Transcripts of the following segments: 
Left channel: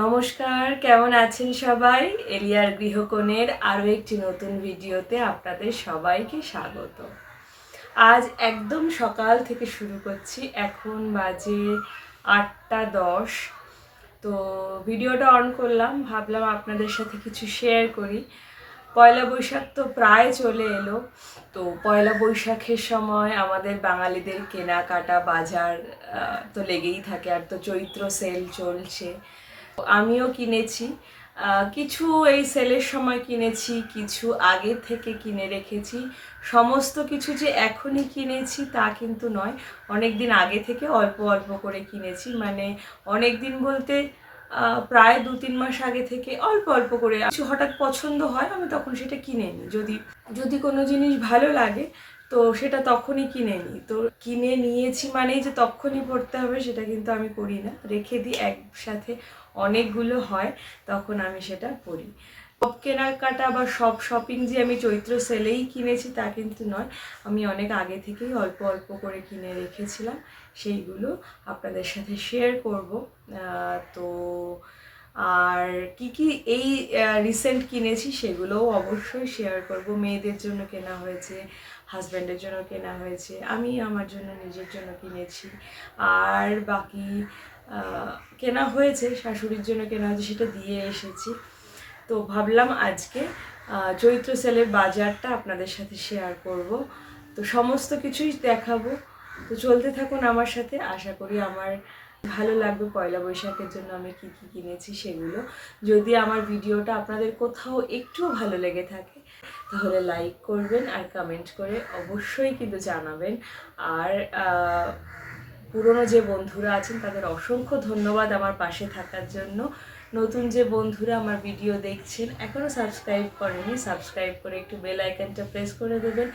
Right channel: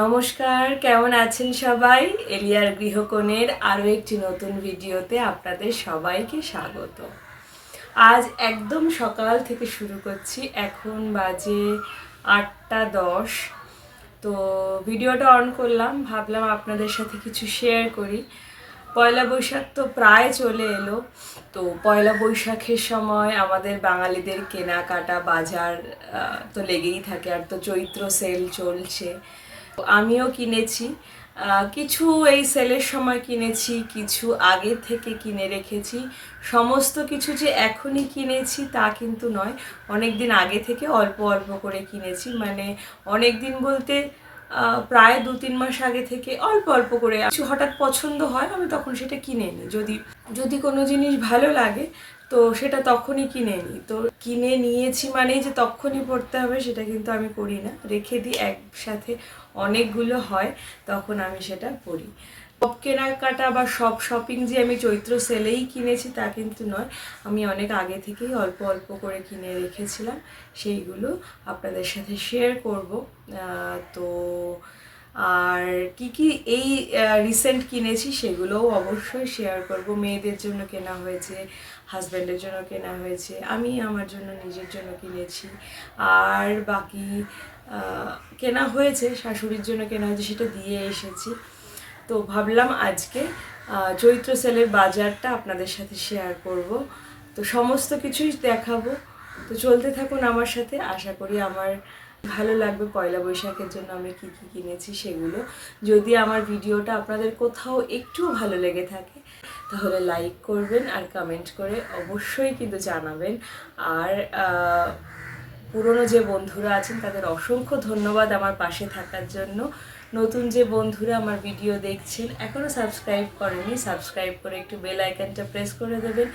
নমস্কার, কেমন আছেন সবাই? এলিয়ার গৃহকোণের আরও একটি নতুন ভিডিওতে আপনাদের সবাইকে স্বাগত। আজ একদম সকাল থেকে শুরু করছি। এখন বাজে 8টা 10। তো ভিডিওটা অন করলাম, ভাবলাম আপনাদের সাথে কিছু শেয়ার করি। পয়লা বৈশাখ তো প্রায় চলে এলো। তো পয়লা বৈশাখের সময় আমাদের বাঙালিদের কেনাকাটা বাজার তো লেগেই থাকে, আর তো চৈত্র সেল চলছে। আমিও কিনেছি কিছু, এই সেলের সময় কিনেছি, কিছু আগে থেকে কিনে রেখেছি। সমস্ত কিছু যে এখনই কিনেছি তা কিন্তু নয়, অনেক দিন আগে থেকে অল্প অল্প করে কিনেছি। মানে অনেক দিন বলতে প্রায় 2-3 মাস আগে থেকে অল্প অল্প করে কিছু হঠাৎ পছন্দ হয়, আমি তখন সেটা কিনে নিই। যদি কোনো জিনিস ভালো লাগে তো সেটা তখনই কিনে নিই। তো কিনে নিয়েছি মানেই যে তখনই পড়তে হবে সেটা কিন্তু আমি করি না, রেখে দিই। একসাথে অনেকগুলো হয় তখন আমি সেটা পড়ি। সব কেনাকাটা বা সব শপিং যে আমি চৈত্র সেলেই কিনেছি তা কিন্তু নয়, আমি অনেক আগে থেকেই অল্প অল্প করে কিনে রেখেছিলাম। সেইগুলো আপনাদের সাথে শেয়ার করব। তো আর কি এই রিসেন্ট কিনেছি সেগুলোও অবশ্যই শেয়ার করব। মেয়েদের জন্য কেনা হয়েছে, হাজব্যান্ডের জন্য কেনা হয়েছে, আমি আমার জন্য নিজের জন্য কিনেছি, আর বাকি কেনা হয়েছে শাশুড়ির জন্য কেনা হয়েছে, সেটা দিয়ে এসেছি। তো ভাবলাম আজকে চৈত্র সেলের বাজারটা আপনাদের সাথে শেয়ার করব। তো সমস্ত কিছুই দেখাবো। তো চলতে থাকুন আমার সাথে, আশা করি আমার ভালো লাগবে। পয়লা বৈশাখের জন্য আমি কি কি কিনেছি সেগুলো। যদি আমার ভিডিওটা আপনাদের কোথাও একটু ভালো লেগে থাকে তাহলে লাইক করবেন, আর কমেন্ট করে অবশ্যই কিন্তু জানাবেন। আর পুরনো যে বন্ধুরা আছেন তাদের অসংখ্য ধন্যবাদ আমার পাশে থাকার জন্য। নতুন যে বন্ধুরা আমার ভিডিও দেখছেন এখনও সাবস্ক্রাইব করেনি, সাবস্ক্রাইব করে একটু বেল আইকনটা প্রেস করে দেবেন,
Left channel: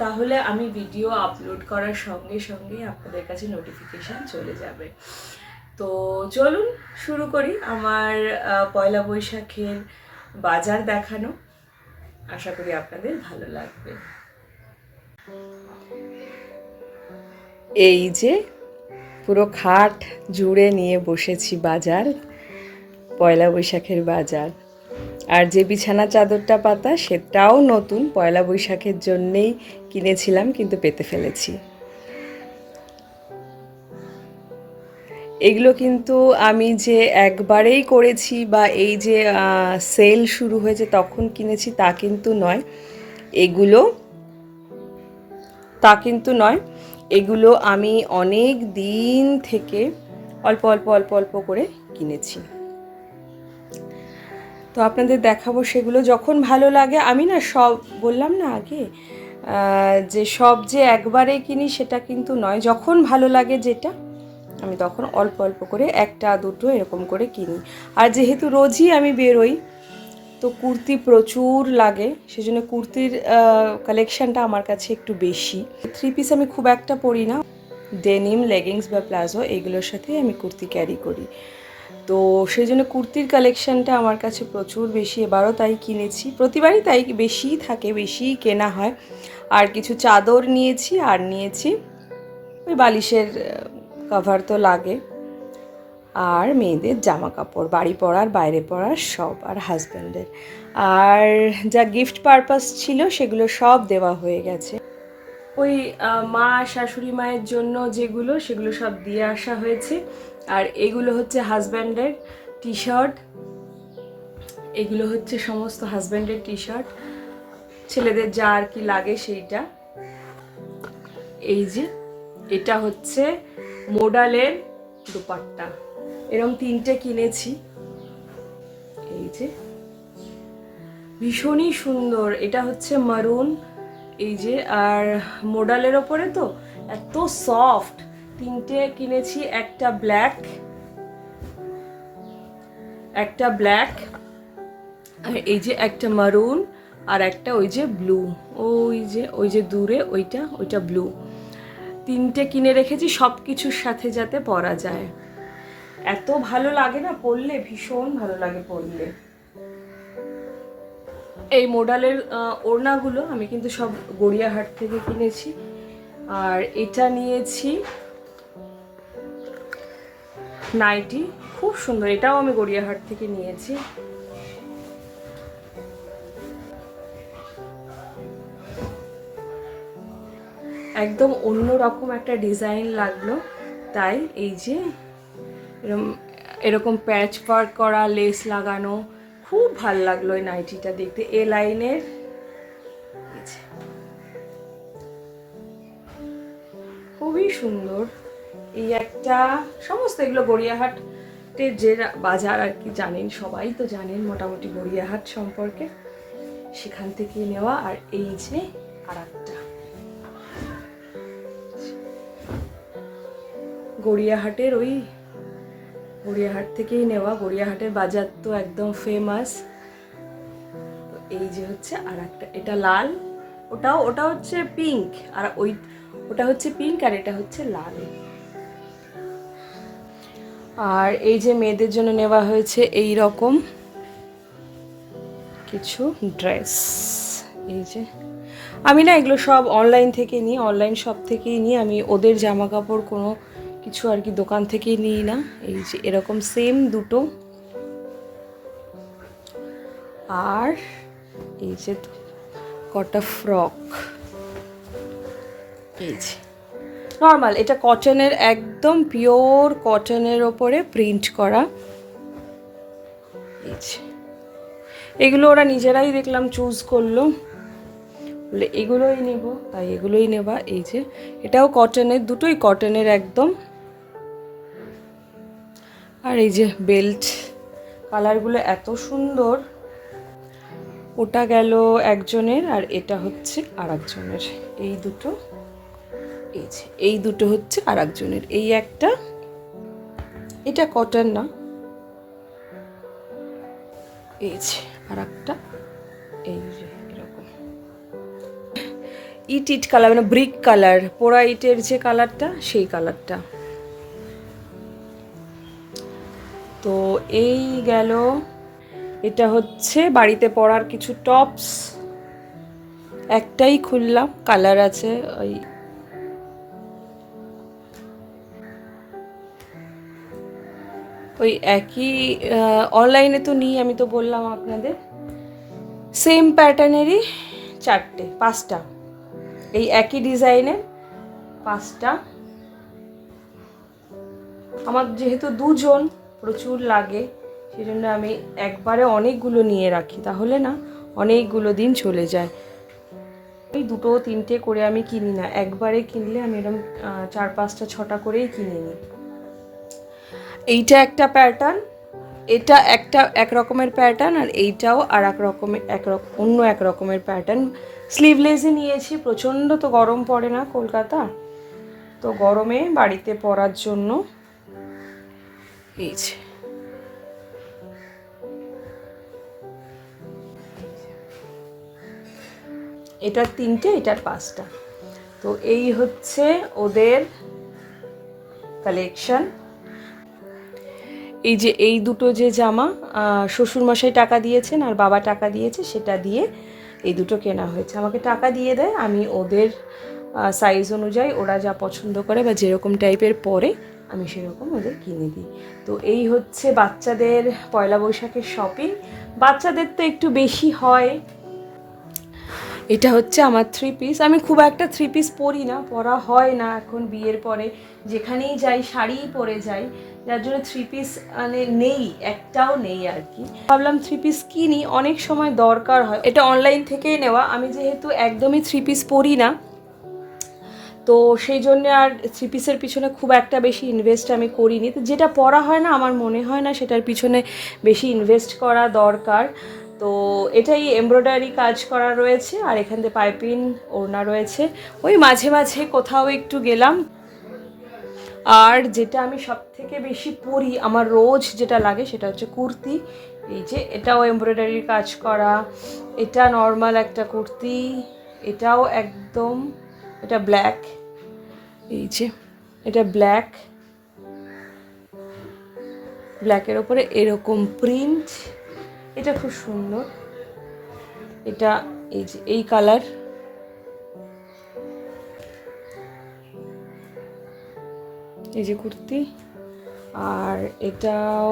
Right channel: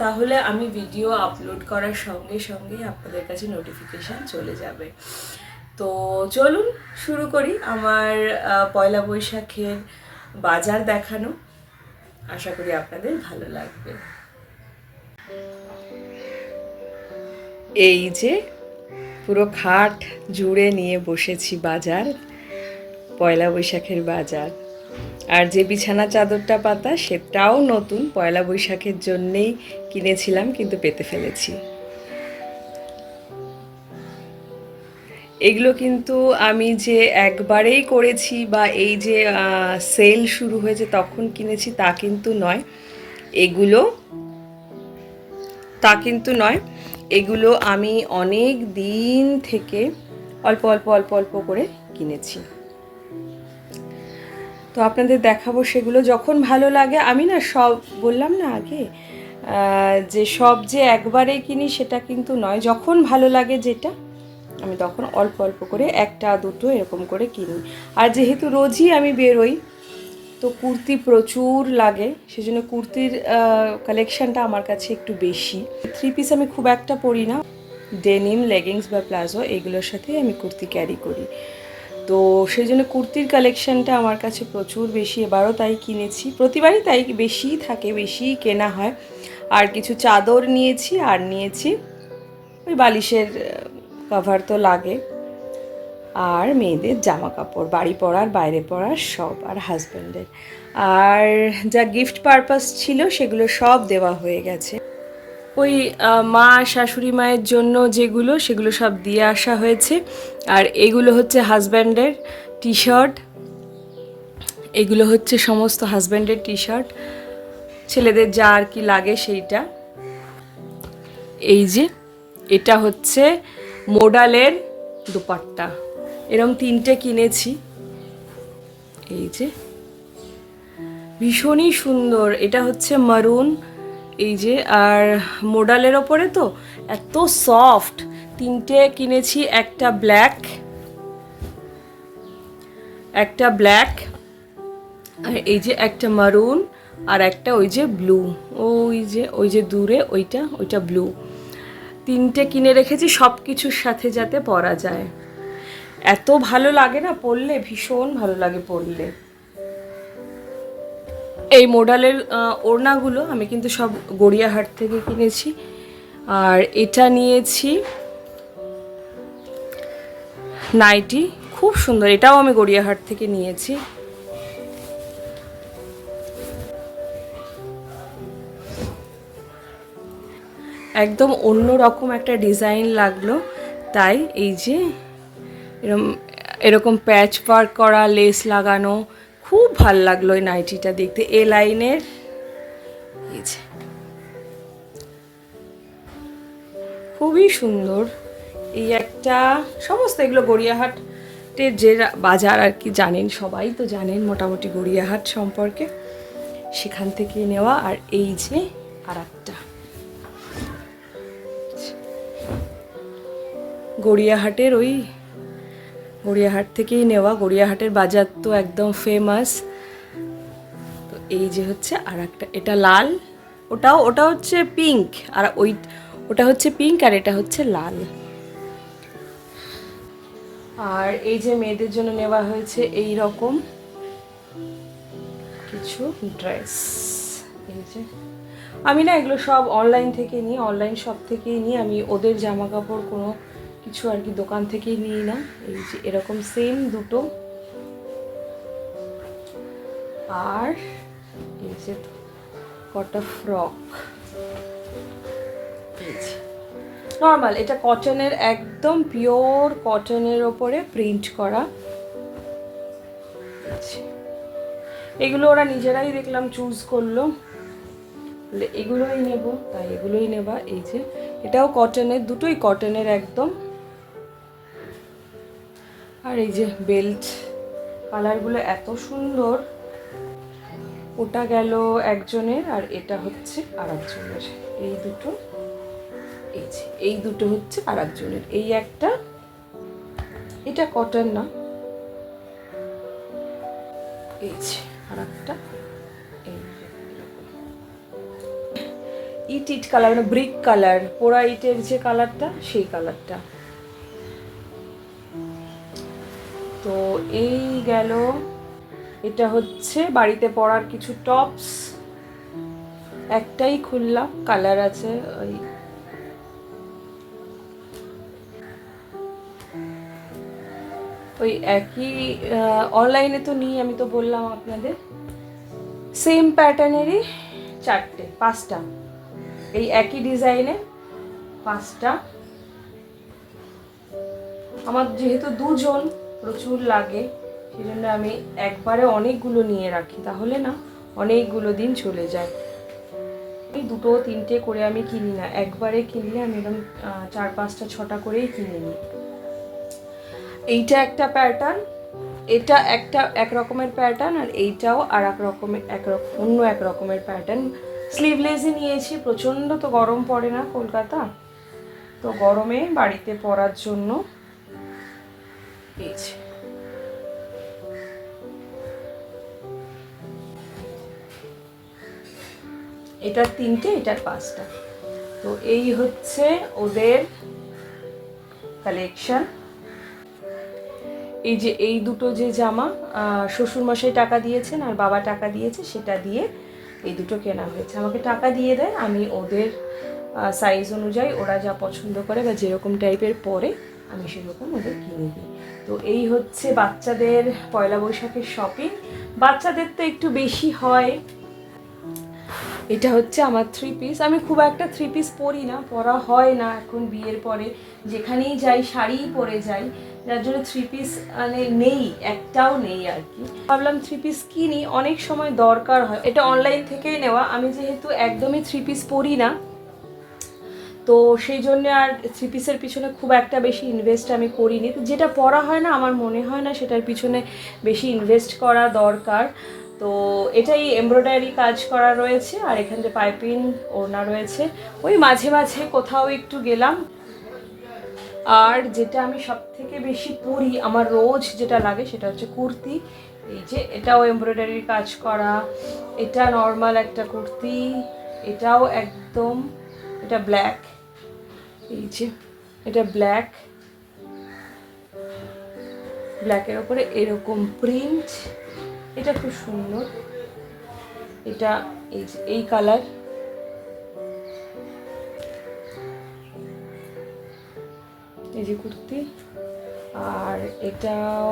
তাহলে আমি ভিডিও আপলোড করার সঙ্গে সঙ্গে আপনাদের কাছে নোটিফিকেশান চলে যাবে। তো চলুন শুরু করি আমার পয়লা বৈশাখের বাজার দেখানো। আশা করি আপনাদের ভালো লাগবে। এই যে পুরো খাট জুড়ে নিয়ে বসেছি বাজার, পয়লা বৈশাখের বাজার। আর যে বিছানা চাদরটা পাতা সেটাও নতুন, পয়লা বৈশাখের জন্যেই কিনেছিলাম কিন্তু পেতে ফেলেছি। এগুলো কিন্তু আমি যে একবারেই করেছি বা এই যে সেল শুরু হয়েছে তখন কিনেছি তা কিন্তু নয়। এগুলো আমি অনেক দিন থেকে অল্প অল্প অল্প অল্প করে কিনেছি। তো আপনাদের দেখাবো সেগুলো যখন ভালো লাগে। আমি না সব বললাম না আগে যে সব যে একবারে কিনি সেটা কিন্তু নয়, যখন ভালো লাগে যেটা আমি তখন অল্প অল্প করে একটা দুটো এরকম করে কিনি। আর যেহেতু রোজই আমি বেরোই তো কুর্তি প্রচুর লাগে, সেজন্য কুর্তির কালেকশানটা আমার কাছে একটু বেশি। 3 পিস আমি খুব একটা পরি না, ডেনিম, লেগিংস বা প্লাজো এগুলোর সাথেই আমি কুর্তি ক্যারি করি। তো সেই জন্য কুর্তির কালেকশানটা আমার কাছে প্রচুর বেশি, এবারও তাই কিনেছি। প্রতিবারই তাই বেশিই থাকে, বেশিই কেনা হয়। আর কিছু চাদর নিয়েছি, আর নিয়েছি ওই বালিশের কভার তো লাগে, আর মেয়েদের জামা কাপড়, বাড়ি পরার বাইরে পরার সব, আর হাজব্যান্ডের। আর যা গিফট পারপাস ছিল সেগুলো সব দেওয়া হয়ে গেছে। ওই মা শাশুড়ি মায়ের জন্য যেগুলো সেগুলো সব দিয়ে আসা হয়েছে। আর এগুলো হচ্ছে হাজব্যান্ডের টি শার্ট, এগুলো হচ্ছে সমস্ত হাজব্যান্ডের টি শার্ট, ছেলেদের যা আর কি লাগে সেইটা। এই যে এটা হচ্ছে মোডালের দুপাট্টা, এরকম 3টে কিনেছি। এই যে ভীষণই সুন্দর, এটা হচ্ছে মারুন, এই যে, আর মোডালের ওপরে তো এত সফট। 3টে কিনেছি, একটা ব্ল্যাক, আর এই যে একটা মারুন, আর একটা ওই যে ব্লু, ওই যে দূরে ওইটা ব্লু। 3টে কিনে রেখেছি সব কিছুর সাথে যাতে পরা যায়। এত ভালো লাগে না পরলে, ভীষণ ভালো লাগে পরলে। এই মোডালের ওড়নাগুলো আমি কিন্তু সব গড়িয়াহাট থেকে কিনেছি। আর এটা নিয়েছি নাইটি, খুব সুন্দর, এটাও আমি গড়িয়াহাট থেকে নিয়েছি। একদম অন্য রকম একটা ডিজাইন লাগলো, তাই এই যে এরকম এরকম প্যাচ ওয়ার্ক করা, লেস লাগানো, খুব ভাল লাগলো এই নাইটিটা দেখতে। এ লাইনের এই যে খুবই সুন্দর। এই একটা, সমস্ত এগুলো গড়িয়াহাটের যে বাজার আর কি, জানেন সবাই তো জানেন মোটামুটি গড়িয়াহাট সম্পর্কে, সেখান থেকে নেওয়া। আর এই যে আর একটা গড়িয়াহাটের, ওই গড়িয়াহাট থেকেই নেওয়া, গড়িয়াহাটের বাজার তো একদম ফেমাস। তো এই যে হচ্ছে আর একটা, এটা লাল, ওটা হচ্ছে পিঙ্ক, আর ওটা হচ্ছে পিঙ্ক, আর এটা হচ্ছে লাল। আর এই যে মেয়েদের জন্য নেওয়া হয়েছে এই রকম কিছু ড্রেস। এই যে আমি না এগুলো সব অনলাইন থেকে নিই, অনলাইন শপ থেকেই নিই আমি, ওদের জামা কাপড় কোনো কিছু আর কি দোকান থেকেই নিই না। এই যে এরকম সেম দুটো, আর এই যে কটা ফ্রক, এই যে নর্মাল, এটা কটনের, একদম পিওর কটনের ওপরে প্রিন্ট করা। এগুলো ওরা নিজেরাই দেখলাম চুজ করলো, বলে এগুলোই নেব, তাই এগুলোই নেবা। এই যে এটাও কটনের, দুটোই কটনের একদম। আর এই যে বেল্ট, কালারগুলো এত সুন্দর। ওটা গেল একজনের, আর এটা হচ্ছে আর একজনের। এই দুটো, এই যে এই দুটো হচ্ছে আর একজনের। এই একটা, এটা কটন না, এই যে আর একটা, এই যে এরকম ইট কালার, মানে ব্রিক কালার, পোড়া ইটের যে কালারটা, সেই কালারটা। তো এই গেল, এটা হচ্ছে বাড়িতে পরার কিছু টপস, একটাই খুললাম, কালার আছে ওই একই, অনলাইনে তো নিই, আমি তো বললাম আপনাদের, সেম প্যাটার্নেরই পাঁচটা, এই একই ডিজাইনের পাঁচটা। আমার যেহেতু দুজন, প্রচুর লাগে, সেই জন্য আমি একবারে অনেকগুলো নিয়ে রাখি, তাহলে না অনেকগুলো দিন চলে যায়। এই দুটো তিনটে করে আমি কিনি না, একবারে কিনলে আমি এরকম 4 5টা 6টা করেই কিনে নিই। এইটা একটা প্যাটার্ন, এটা একটা এক রকমের প্যাটার্ন, আর এইটাও আর এক রকমের, অন্য এক রকমের প্যাটার্ন। স্লিভলেসই নিয়েছি, প্রচণ্ড তো গরম পড়ে না কলকাতা, তো গরমে বাড়িতে পরার জন্য। এই যে এটার 3টে, এটার 5টা। তো এই হচ্ছে ওদের কালেকশন। এই যে এই দুটো যে জামা, শ্বশুরমশাই টাকা দিয়েছেন আর বাবা টাকা দিয়েছে, সেটা দিয়ে এই দুটো কেনা হয়েছে। আমাকে টাকা দিয়ে দেয়, আমি ওদের সাইজ অনুযায়ী ওরা যা পছন্দ করে বা যেরকম টাইপের পরে আমি সেরকম ওদের কিনে দিই। তো এই হচ্ছে বাচ্চাদের পয়লা বৈশাখের শপিং। বাচ্চাদের তো একটু বেশি হয়। এটা হচ্ছে আমার 3 পিস। আমি খুব একটা 3 পিস পরি না, পরা হয় না এখন বিয়ের পরে, যেখানেই যাই শাড়িই পরে যাই, যার জন্য 3 পিস মানে নেই, একটাও নেই আর কি। ভাবলাম 3 পিস কিনি, অনেক সময় দরকার হয়। এটা অনলাইন থেকেই নেওয়া, আমি যেহেতু একদমই 3 পিস পরি না, তো সেই জন্য আর 3 পিসের পিছনে খুব একটা বেশি ইনভেস্ট আমি করিনি। তো যেটা পরা হয় না, আমার মনে হয় না সেটার পিছনে বেশি ইনভেস্ট করা দরকার। তো এটাই এমব্রয়ডারি কাজ করা রয়েছে, আর এখান থেকে পাইপিং ওড়না রয়েছে। ওই মাঝে মাঝে কোথাও একটু গেলাম। আর যেটা আমি সব থেকে বেশি পরি, আমার রোজ যেটা লাগে, সেটা হচ্ছে কুর্তি। এই যে এটাও এমব্রয়ডারির কাজ করা, এটা নর্মাল একটা কুর্তি, এটাও একদম, এটা ব্ল্যাক, এই যে এটা ব্ল্যাকের ওপরে এরকম প্রিন্ট, এটা খুব সুন্দর। এটা এই যে এই কালার, এই যে কুর্তি, আর এটাও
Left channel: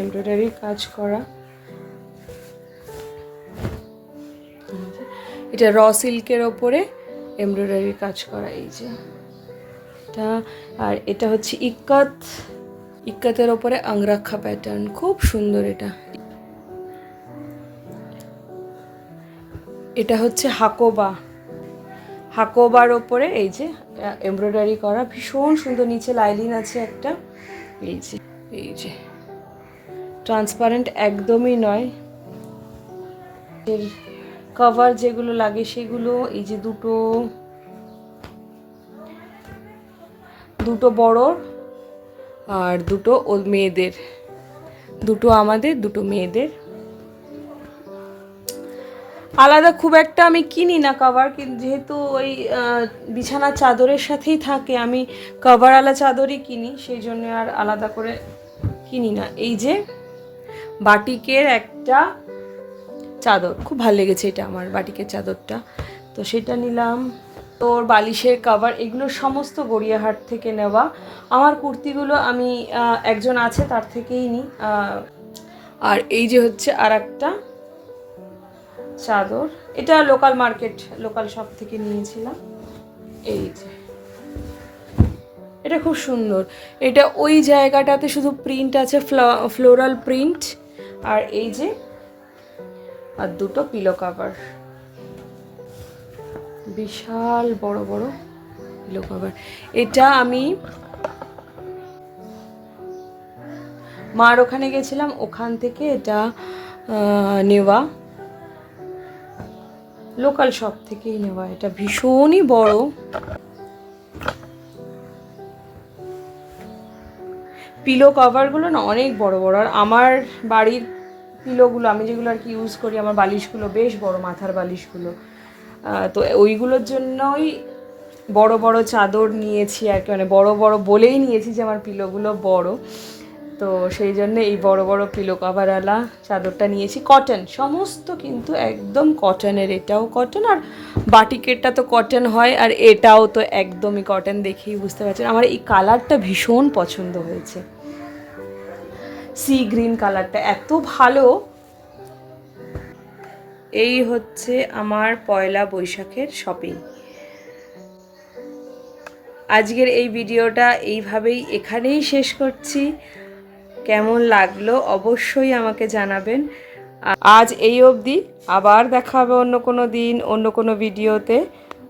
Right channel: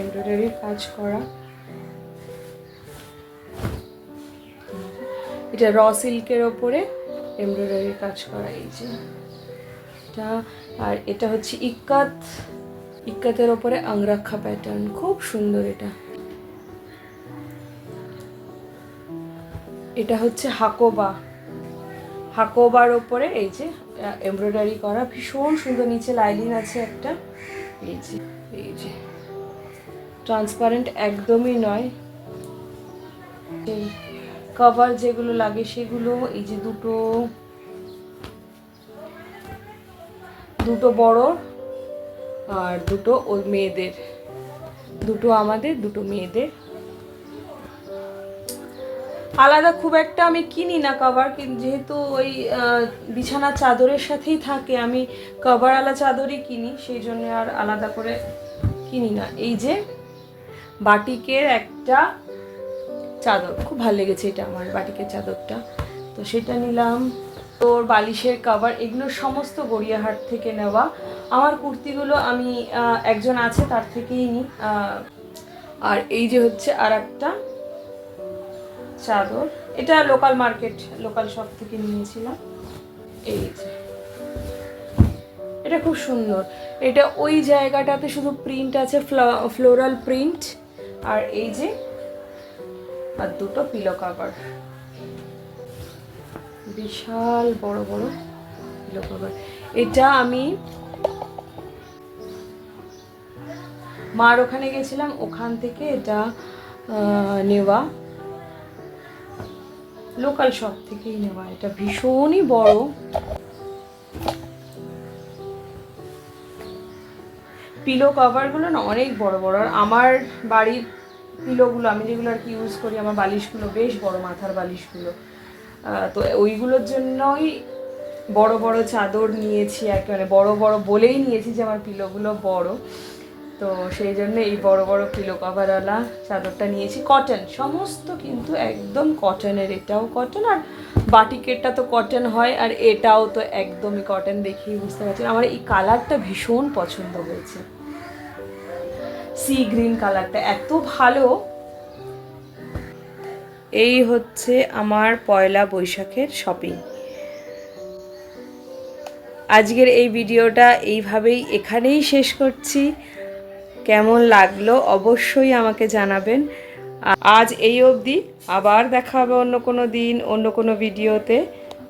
এমব্রয়ডারি কাজ করা, এটা র সিল্কের ওপরে এমব্রয়ডারি কাজ করা, এই যে এটা। আর এটা হচ্ছে ইক্কাতের ওপরে আংরাক্ষা প্যাটার্ন, খুব সুন্দর। এটা হচ্ছে হাকোবার ওপরে এই যে এমব্রয়ডারি করা, ভীষণ সুন্দর। নিচে লাইলিন আছে একটা, এই যে ট্রান্সপারেন্ট একদমই নয়। এই কভার যেগুলো লাগে সেগুলো, এই যে দুটো বড় আর দুটো মেয়েদের, দুটো আমাদের, দুটো মেয়েদের। আলাদা খুব একটা আমি কিনি না কভার, যেহেতু ওই বিছানার চাদরের সাথেই থাকে, আমি কভারওয়ালা চাদরই কিনি, সেই জন্য আর আলাদা করে কিনি না। এই যে বাটিকের একটা চাদর, খুব ভালো লেগেছে এটা আমার, বাটিকের চাদরটা, তো সেটা নিলাম। তোর বালিশের কভার, এগুলো সমস্ত গড়িয়াহাট থেকে নেওয়া। আমার কুর্তিগুলো আমি একজন আছে তার থেকেই নিই। আর এই যে হচ্ছে আর একটা চাদর, এটা লোকাল শপ থেকে নিয়েছিলাম। এই যে এটা খুব সুন্দর, এটা ওই জায়গাটাতে শুধু প্রিন্ট আছে, ফ্লোরাল প্রিন্ট। আর এই যে আর দুটো পিলো কভার, বিশাল বড় বড় পিলো কভার। এটা আমি মার ওখানে গেছিলাম, ওখান থেকে এটা নেওয়া, লোকাল শপ থেকেই নেওয়া। এটা ভীষণই বড়, পিলো কভারগুলো না অনেক বড় বড়। আর আমার বাড়ির পিলোগুলো, আমি যেগুলো আর কি ইউজ করি, আমার বালিশগুলো বেশ বড়, মাথার বালিশগুলো, তো ওইগুলোর জন্যই বড় বড় চাদর নিয়েছি আর কি, মানে বড় বড় বলেই নিয়েছি যে আমার পিলোগুলো বড়, তো সেই জন্য এই বড় বড় পিলো কভারওয়ালা চাদরটা নিয়েছি। কটন সমস্ত, কিন্তু একদম কটনের, এটাও কটন, আর বাটিকেরটা তো কটন হয়, আর এটাও তো একদমই কটন, দেখেই বুঝতে পারছেন। আমার এই কালারটা ভীষণ পছন্দ হয়েছে, সি গ্রিন কালারটা এত ভালো। এই হচ্ছে আমার পয়লা বৈশাখের শপিং। আজকের এই ভিডিওটা এইভাবেই এখানেই শেষ করছি। কেমন লাগলো অবশ্যই আমাকে জানাবেন। আজ এই অবধি, আবার দেখা হবে অন্য কোনো দিন, অন্য কোনো ভিডিওতে।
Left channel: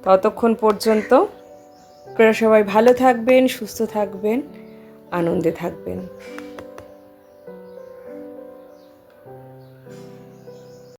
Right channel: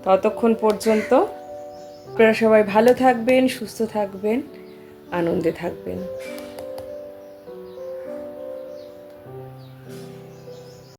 ততক্ষণ পর্যন্ত আপনারা সবাই ভালো থাকবেন, সুস্থ থাকবেন, আনন্দে থাকবেন।